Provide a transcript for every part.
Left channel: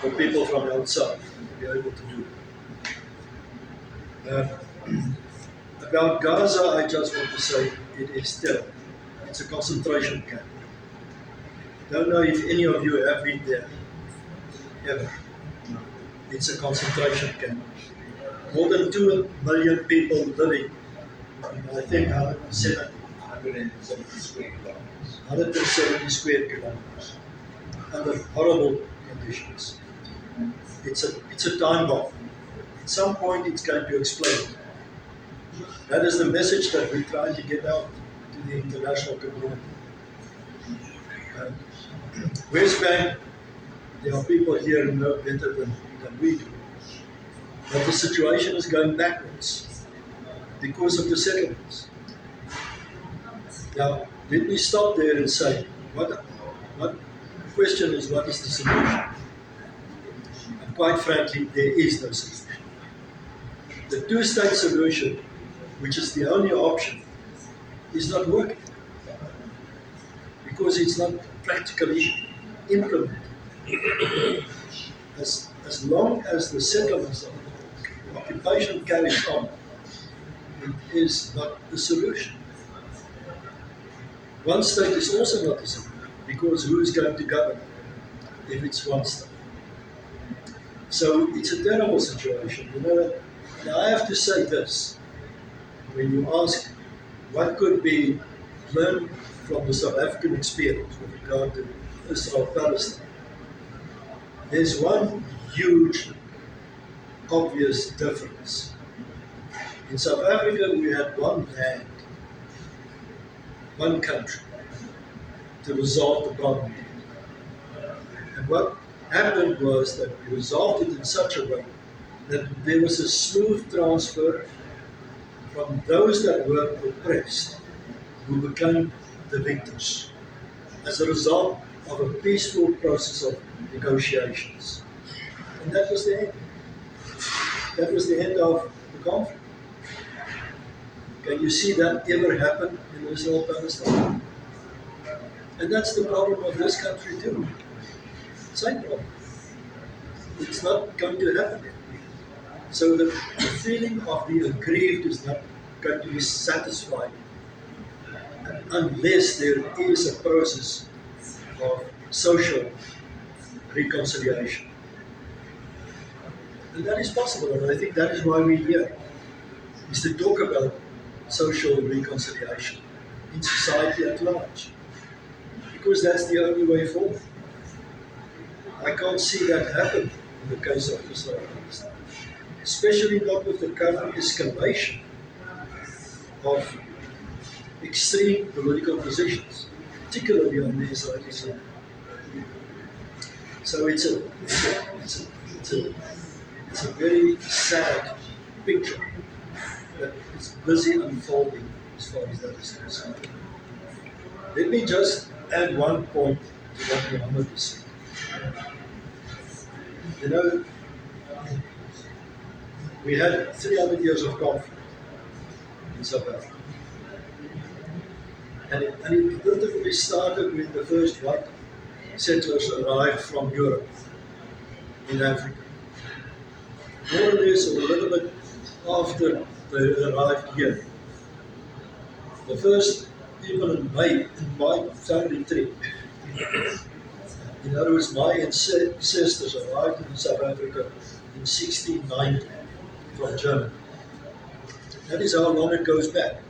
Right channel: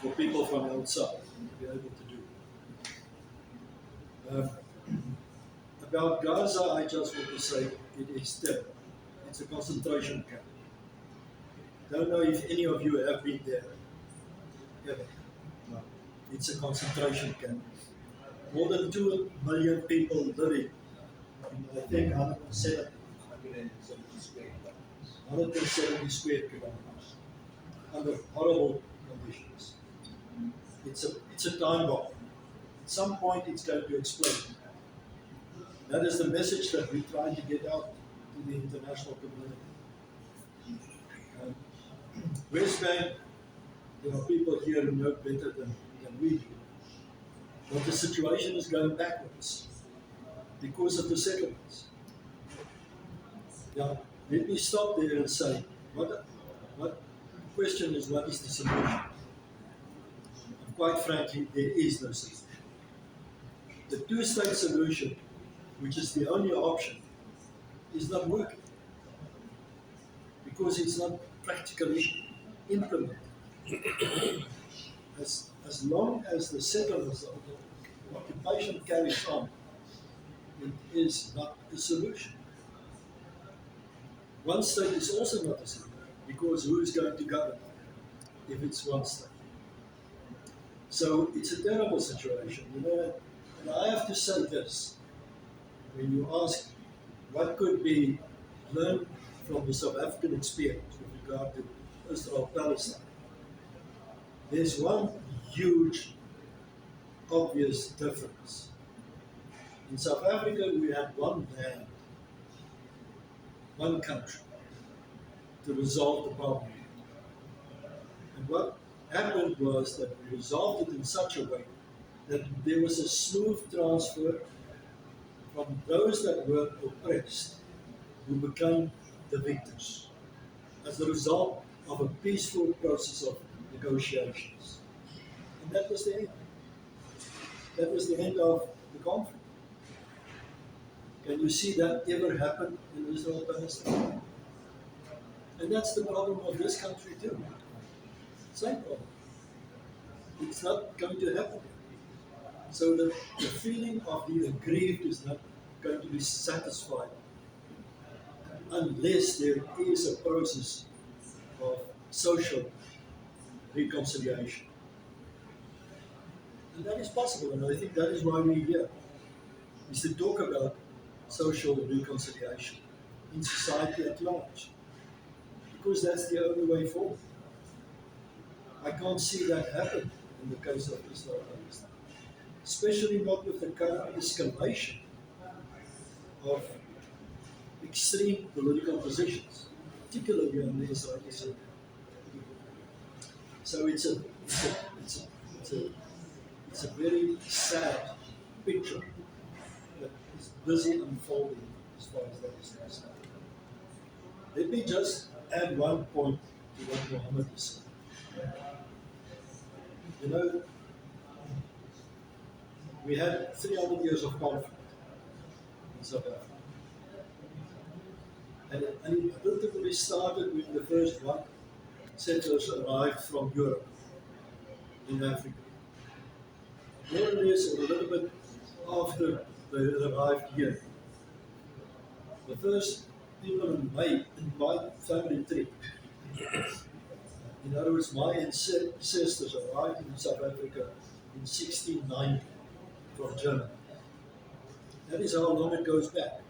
for people from outside to be able to do. About Gaza, I just want to say it is still, it's a concentration camp. Don't know if any of you have been there, ever. No. It's a concentration camp. More than 2 million people living in, I think, 170 square kilometers. 170 square kilometers under horrible conditions. It's a time bomb. At some point, it's going to explode. That is the message that we're trying to get out to the international community. West Bank, there are people here who know better than we do. But the situation is going backwards because of the settlements. Now, let me stop there and say, what the question is, what is the solution? And quite frankly, there is no solution. The two-state solution, which is the only option, is not working because it's not practically implemented. As long as the settlements of the occupation carries on, it is not the solution. One state is also not the solution, because who is going to govern if it's one state? So it's a terrible situation. Now I have to say this. When you ask what could be learned from the South African experience with regard to Israel-Palestine, there's one huge, obvious difference. In South Africa, we had one land, one country, to resolve the problem. And what happened was that we resolved it in such a way that there was a smooth transfer from those that were oppressed, who became the victors, as a result of a peaceful process of negotiations. And that was the end. That was the end of the conflict. Can you see that ever happen in Israel-Palestine? And that's the problem of this country too. Same problem. It's not going to happen. So the feeling of the aggrieved is not going to be satisfied unless there is a process of social reconciliation. And that is possible, and I think that is why we're here, is to talk about social reconciliation in society at large, because that's the only way forward. I can't see that happen in the case of Israel, especially not with the current escalation of extreme political positions, particularly on the Israeli side. So it's a very sad picture that is busy unfolding as far as that is concerned. Let me just add one point to what Mohammed has said. You know, we had 300 years of conflict in South Africa. And it literally started when the first white settlers arrived from Europe in Africa. More or less, or a little bit after they arrived here. The first people in my family tree, in other words, my ancestors arrived in South Africa in 1690 from Germany. That is how long it goes back.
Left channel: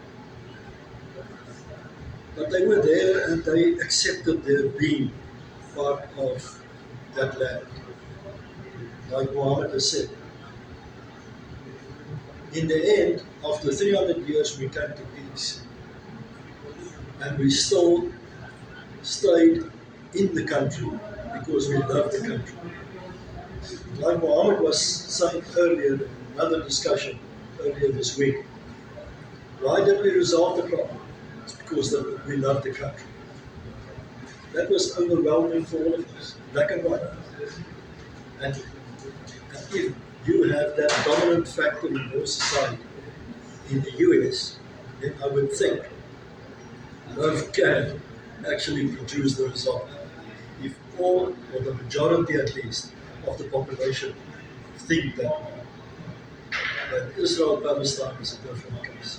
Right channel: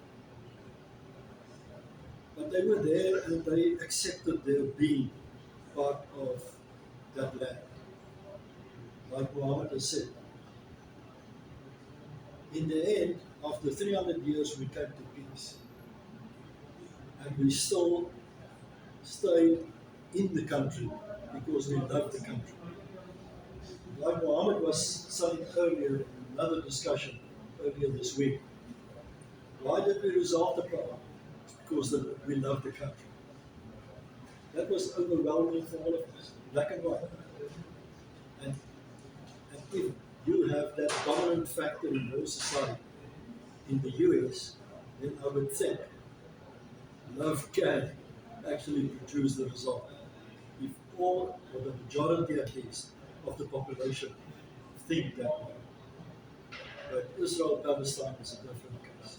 But they were there and they accepted their being part of that land. Like Mohammed has said. In the end, after 300 years, we came to peace. And we still stayed in the country because we love the country. Like Mohammed was saying earlier in another discussion earlier this week, why did we resolve the problem? It's because we love the country. That was overwhelming for all of us, black and white. And if you have that dominant factor in your society in the US, then I would think love can actually produce the result. If all, or the majority at least, of the population think that Israel Palestine is a different case.